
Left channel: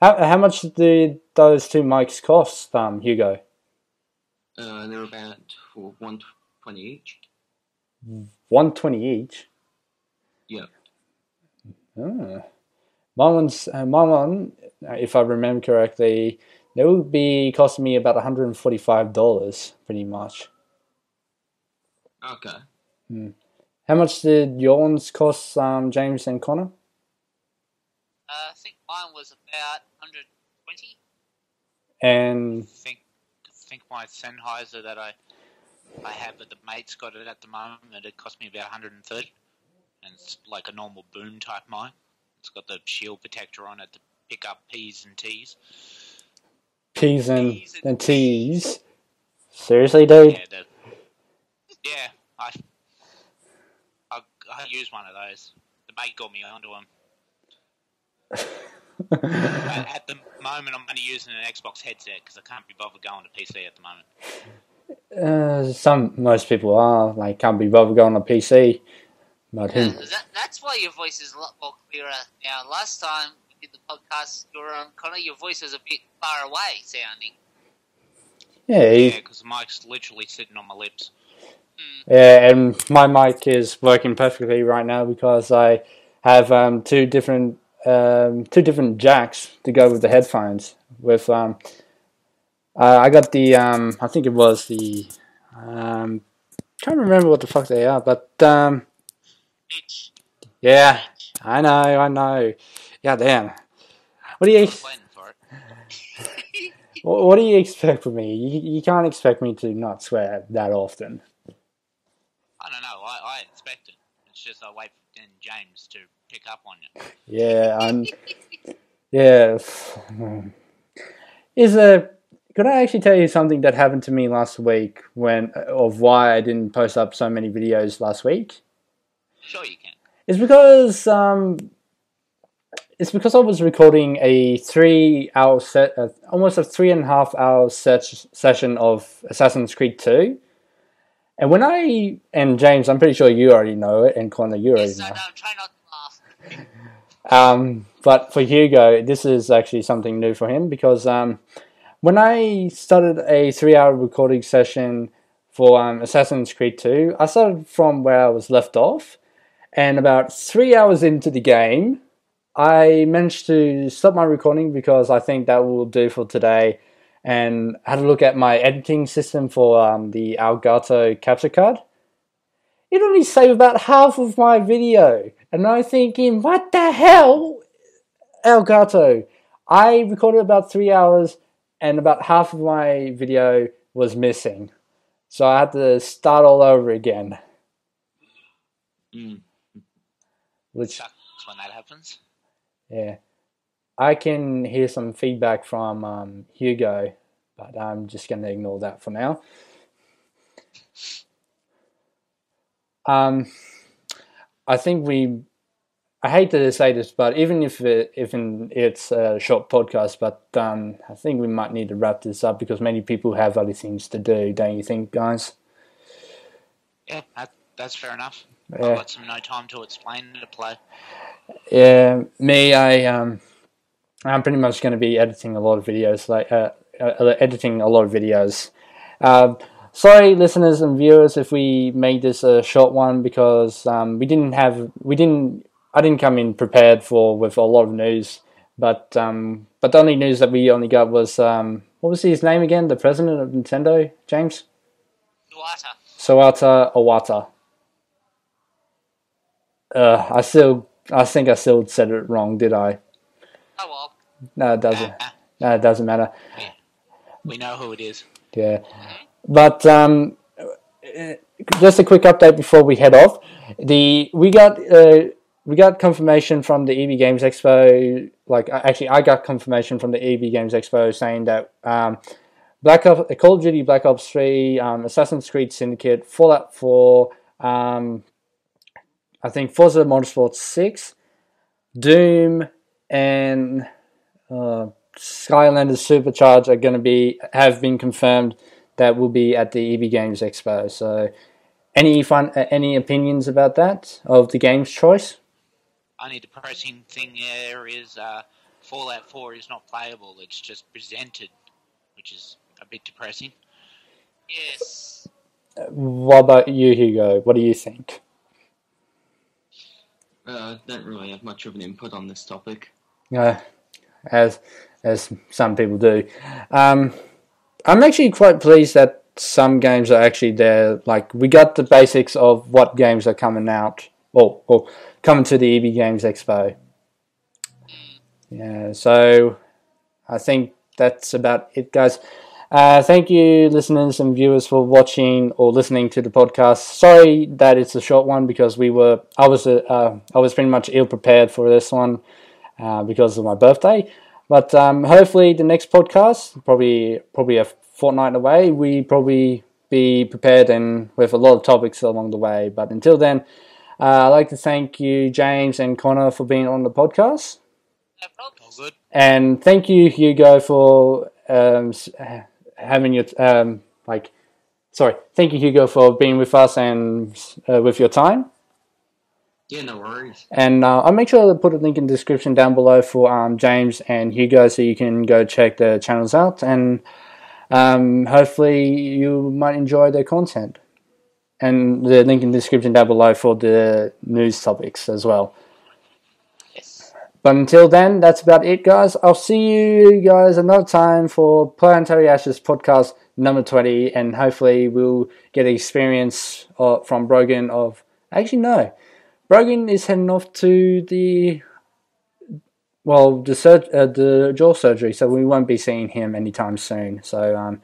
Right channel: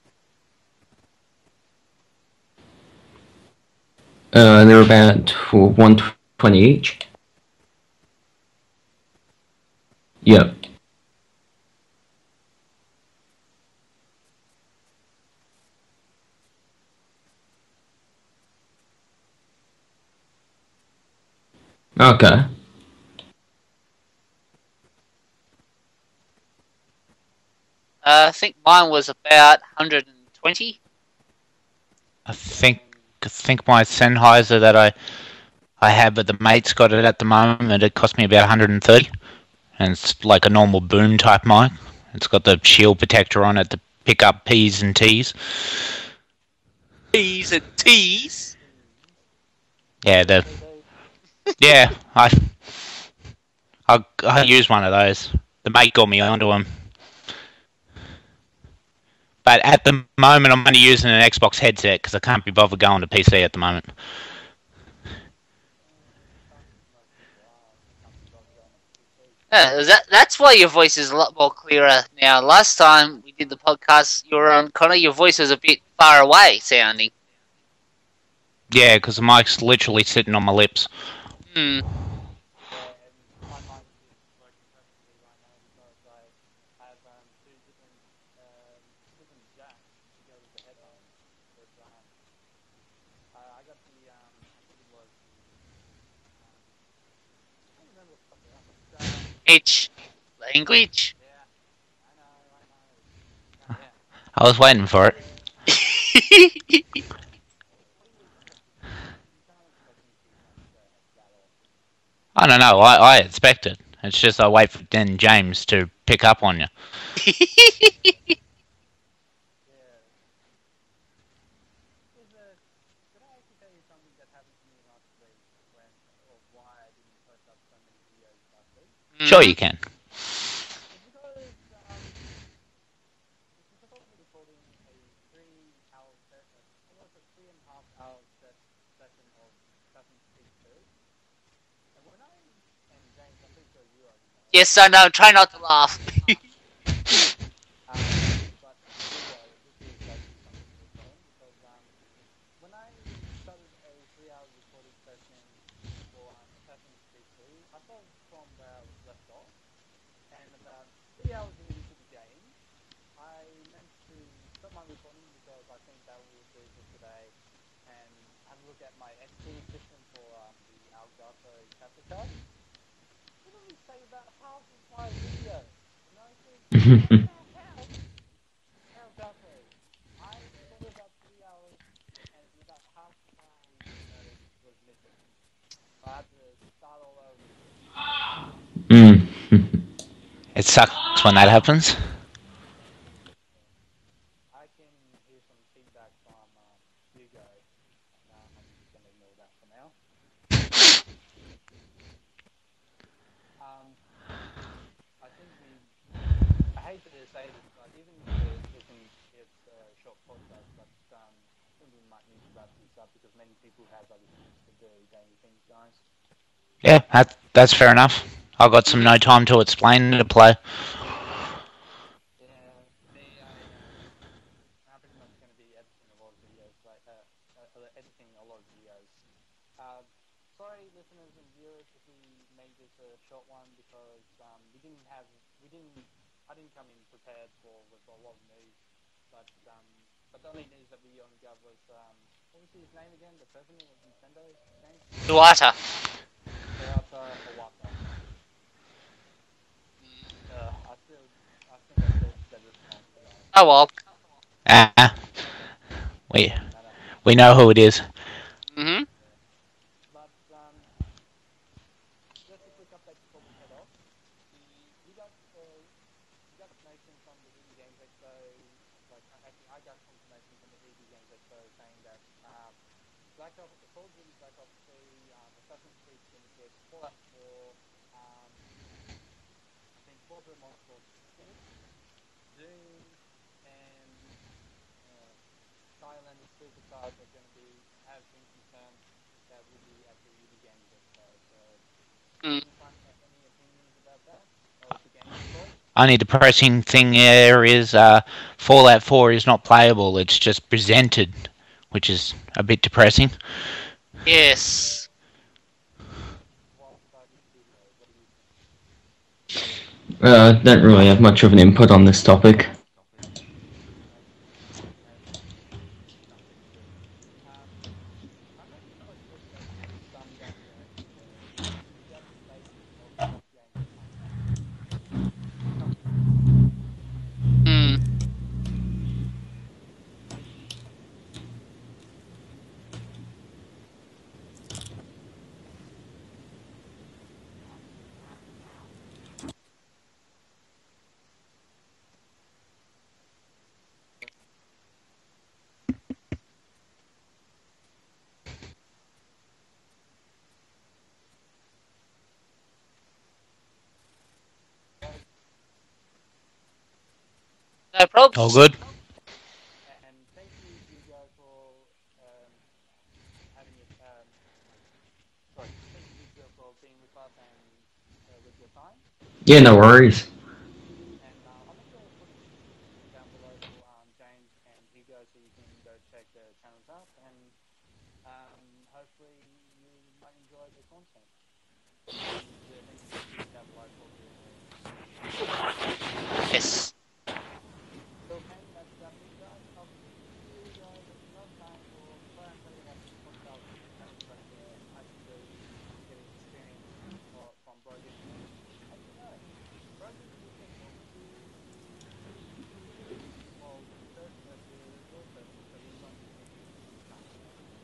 How much did those two mics cost, Hugo? They're about $120 each. $120 each? Yeah. My one, if I remember correctly, they would be costing me about $145, pretty much. Okay. How much did your ones cost, James and Connor? I think mine was about 120. And I think my Sennheiser that I have, but the mate's got it at the moment. It cost me about 130, and it's like a normal boom type mic. It's got the shield protector on it to pick up P's and T's. P's and T's. Seriously, dude? Yeah, I use one of those. The mate got me onto them. But at the moment, I'm only using an Xbox headset because I can't be bothered going to PC at the moment. Most people are, can't be bothered going on PC. That's why your voice is a lot more clearer now. Last time you did the podcast, Connor, your voice was a bit far away sounding. Yeah, because the mic's literally sitting on my lips. Yeah, and my mic is working perfectly right now because I have two different jacks to go with the headphones. With I got the I think it was the can't remember what the fuck they are, but Mitch. Yeah, I know. Yeah, damn. I was waiting for it. What do you expect from me? You can't expect me to not swear that often. I don't know. I expect it. It's just I wait for then James to pick up on you. Yeah. Yeah. Could I actually tell you something that happened to me last week of why I didn't post up so many videos last week? Sure you can. It's because I was recording a 3-hour set, almost a 3.5 hour session of Assassin's Creed 2. And James, I'm pretty sure you already know it, and Connor, yes, I know. Try not to laugh. But for Hugo, this is actually something new for him because when I started a 3-hour recording session for Assassin's Creed 2, I started from where I was left off, and about 3 hours into the game, I managed to stop my recording because I think that will do for today, and had a look at my editing system for the Elgato capture card. It only saved about half of my video, and I'm thinking, what the hell, Elgato? I recorded about 3 hours, and about half of my video was missing, so I had to start all over again. It sucks when that happens. Yeah. I can hear some feedback from Hugo, but I'm just going to ignore that for now. I think I hate to say this, but even if it's a short podcast, but I think we might need to wrap this up because many people have other things to do, don't you think, guys? Yeah, that's fair enough. I've got no time to explain to play. Yeah, me, I'm pretty much going to be editing a lot of videos, sorry, listeners and viewers, if we made this a short one because I didn't come in prepared with a lot of news, but the only news that we only got was what was his name again? The president of Nintendo, James? Iwata. Satoru Iwata. I think I still said it wrong, did I? Oh well. No, it doesn't. No, it doesn't matter. We know who it is. Yeah. Mm-hmm. But just a quick update before we head off. We got confirmation from the EB Games Expo. I got confirmation from the EB Games Expo saying that Call of Duty Black Ops 3, Assassin's Creed Syndicate, Fallout 4, I think Forza Motorsport 6, Doom, and Skylanders Supercharged are going to have been confirmed that will be at the EB Games Expo. So, any opinions about that of the game's choice? Only depressing thing there is Fallout 4 is not playable. It's just presented, which is a bit depressing. Yes. What about you, Hugo? What do you think? Don't really have much of an input on this topic. As some people do. I'm actually quite pleased that some games are actually there. Like, we got the basics of what games are coming out, or coming to the EB Games Expo. Yeah, so I think that's about it, guys. Thank you, listeners and viewers, for watching or listening to the podcast. Sorry that it's a short one because I was pretty much ill prepared for this one because of my birthday. But hopefully the next podcast, probably a fortnight away, we probably be prepared and with a lot of topics along the way. But until then, I'd like to thank you, James and Connor, for being on the podcast. No problem. All good. And thank you, Hugo, for having your thank you, Hugo, for being with us and with your time. Yeah, no worries. And I'll make sure to put a link in the description down below for James and Hugo so you can go check their channels out, and hopefully you might enjoy their content. And the link in the description down below for the news topics as well. Yes. But until then, that's about it, guys. I'll see you guys another time for Planetaryashes podcast number 20, and hopefully we'll get experience from Brogan of... Actually, no. Brogan is heading off to the jaw surgery, so we won't be seeing him anytime soon. So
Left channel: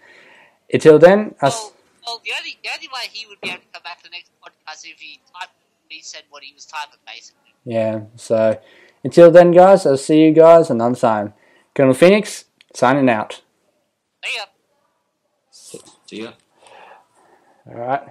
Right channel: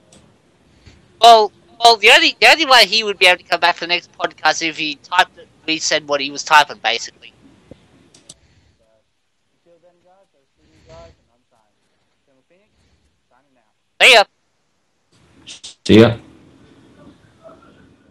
until then... the only way he would be able to come back to the next podcast if he said what he was typing, basically. Yeah, so... Until then, guys, I'll see you guys another time. Colonel Phoenix, signing out. See ya. See ya. All right.